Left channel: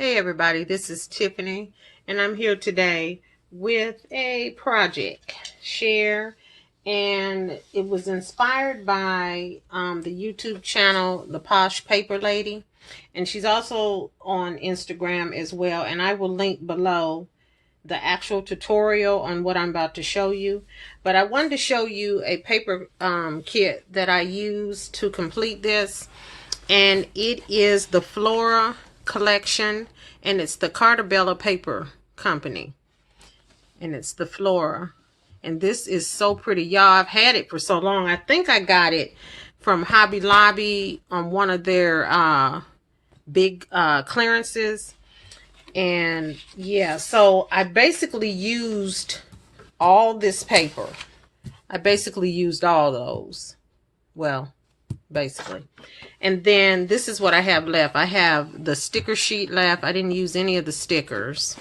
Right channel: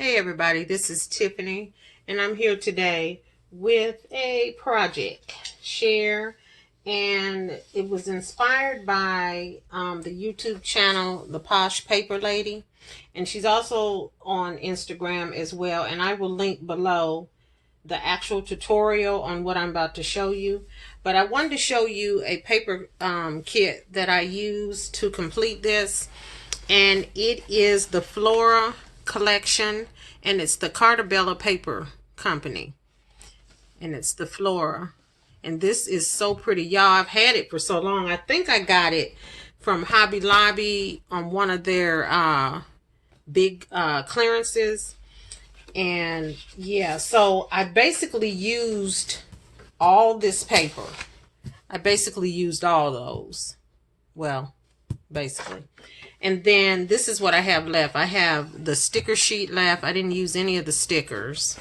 Hey everybody, this is Tiffany, and I'm here today with a project share, and it was inspired by the YouTube channel The Posh Paper Lady, and she's also on Instagram as well, and I will link below the actual tutorial on what I'm about to show you. But I wanted to show you a paper kit that I used to complete this, and it is the Flora collection, and it's the Cartabella Paper Company, and it's the Flora, and this is so pretty, y'all. I've had it for so long. I think I got it from Hobby Lobby on one of their big clearances. And yeah, so I basically used all this paper. I basically used all those. Well, basically. And then this is what I have left. I have the sticker sheet left. I didn't use any of the stickers.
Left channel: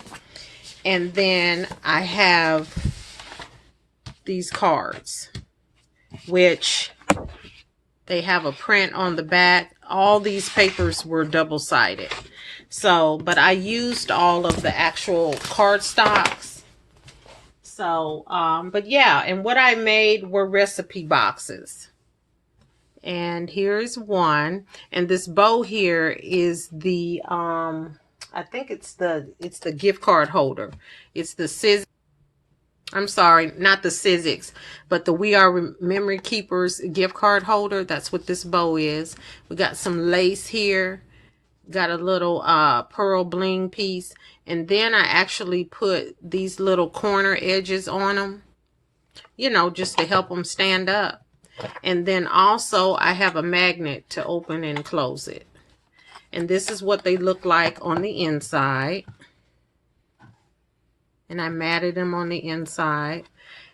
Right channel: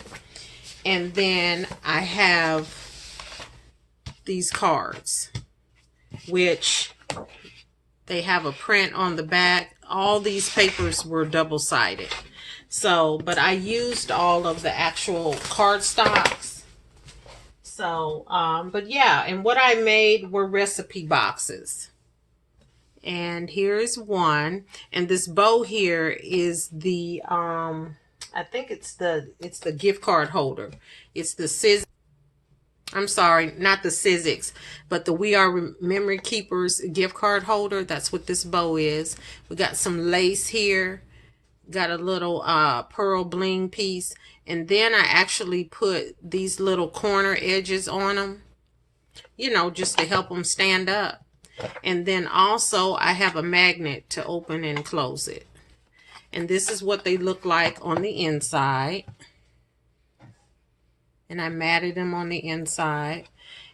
And then I have these cards, which they have a print on the back. All these papers were double-sided. So, but I used all of the actual card stocks. So, but yeah, and what I made were recipe boxes. And here's one, and this bow here is the I think it's the gift card holder. It's the Sizzix. I'm sorry, not the Sizzix, but the We Are Memory Keepers gift card holder. That's what this bow is. We got some lace here, got a little pearl bling piece, and then I actually put these little corner edges on them, you know, just to help them stand up. And then also I have a magnet to open and close it. And this is what they look like on the inside. And I matted them on the inside.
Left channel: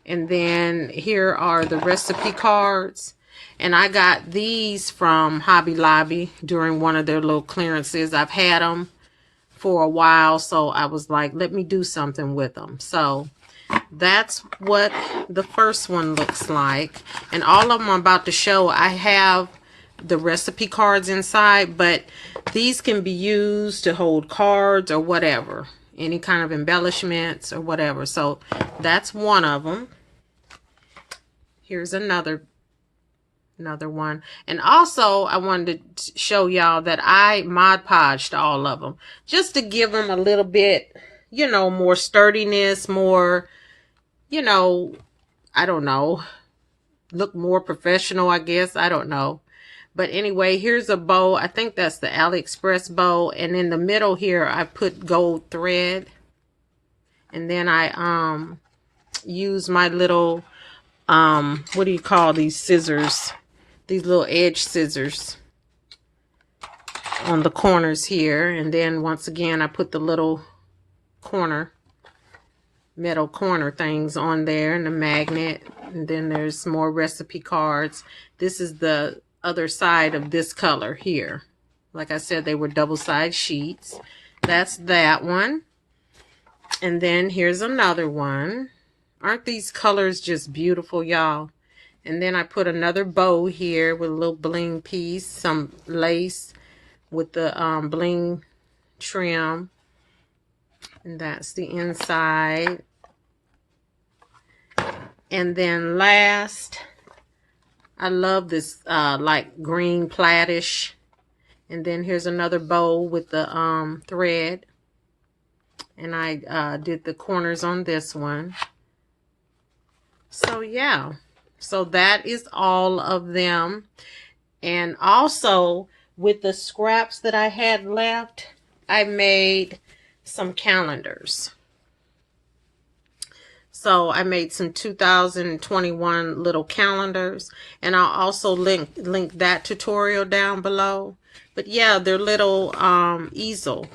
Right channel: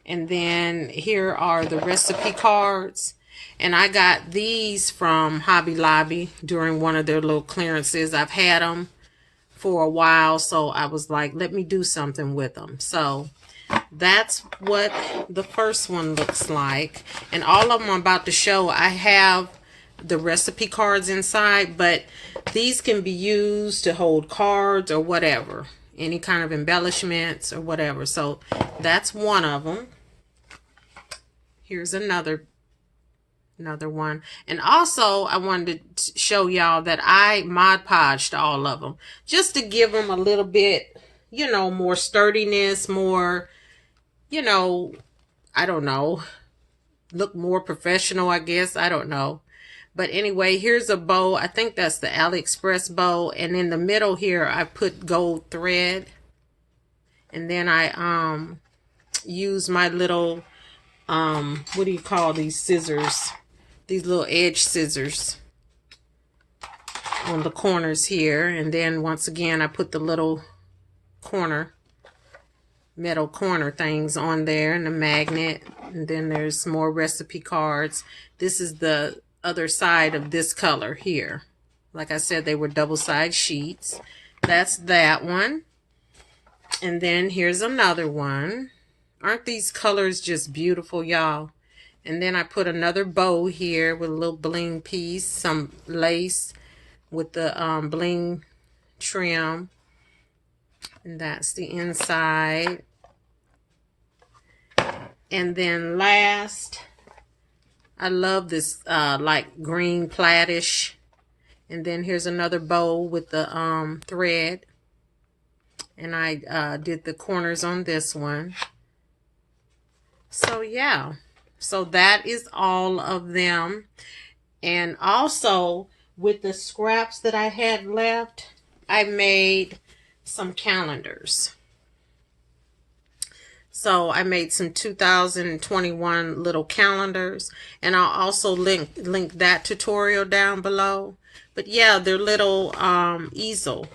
And then here are the recipe cards. And I got these from Hobby Lobby during one of their little clearances. I've had them for a while, so I was like, let me do something with them. So that's what the first one looks like. And all of them I'm about to show, I have the recipe cards inside, but these can be used to hold cards or whatever, any kind of embellishments or whatever. So that's one of them. Here's another one. And also I wanted to show y'all that I Mod Podged all of them just to give them a little bit, you know, more sturdiness, more, you know, I don't know, look more professional, I guess. I don't know. But anyway, here's a bow. I think that's the AliExpress bow. And in the middle here, I put gold thread. And then I use my little, what do you call these scissors? These little edge scissors on the corners here. And then once again, I put the little metal corner things on there, and the magnet. And then there's more recipe cards. This is the other side of this color here. Like I said, they were double-sided sheets. That's that one. And then here's another one. Aren't these colors just beautiful, y'all? And then I put another bow here with a little bling piece, some lace with the bling trim. And that's the inside. And then last, I love this like green plaidish. And then here's another bow with the thread. And I did the corners on this one. So yeah, so that is all of them. And also with the scraps that I had left, I made some calendars. So I made some 2021 little calendars, and I'll also link that tutorial down below. But yeah, they're little easel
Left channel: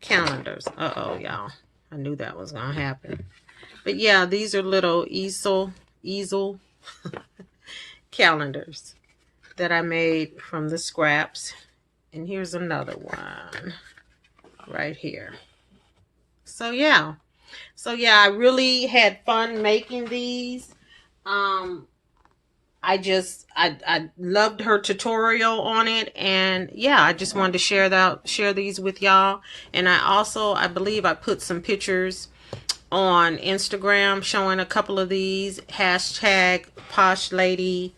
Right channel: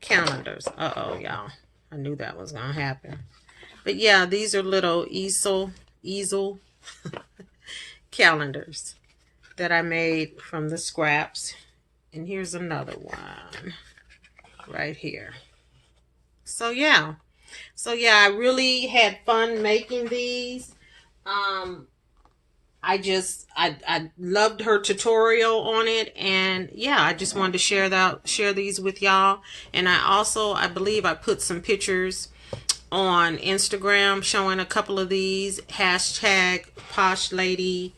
calendars. Uh-oh, y'all. I knew that was gonna happen. But yeah, these are little easel calendars that I made from the scraps. And here's another one right here. So yeah. So yeah, I really had fun making these. I I loved her tutorial on it, and yeah, I just wanted to share these with y'all. And I believe I put some pictures on Instagram showing a couple of these, hashtag Posh Lady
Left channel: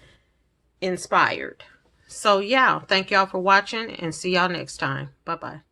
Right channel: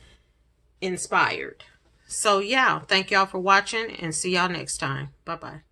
Inspired. So yeah, thank y'all for watching, and see y'all next time. Bye bye.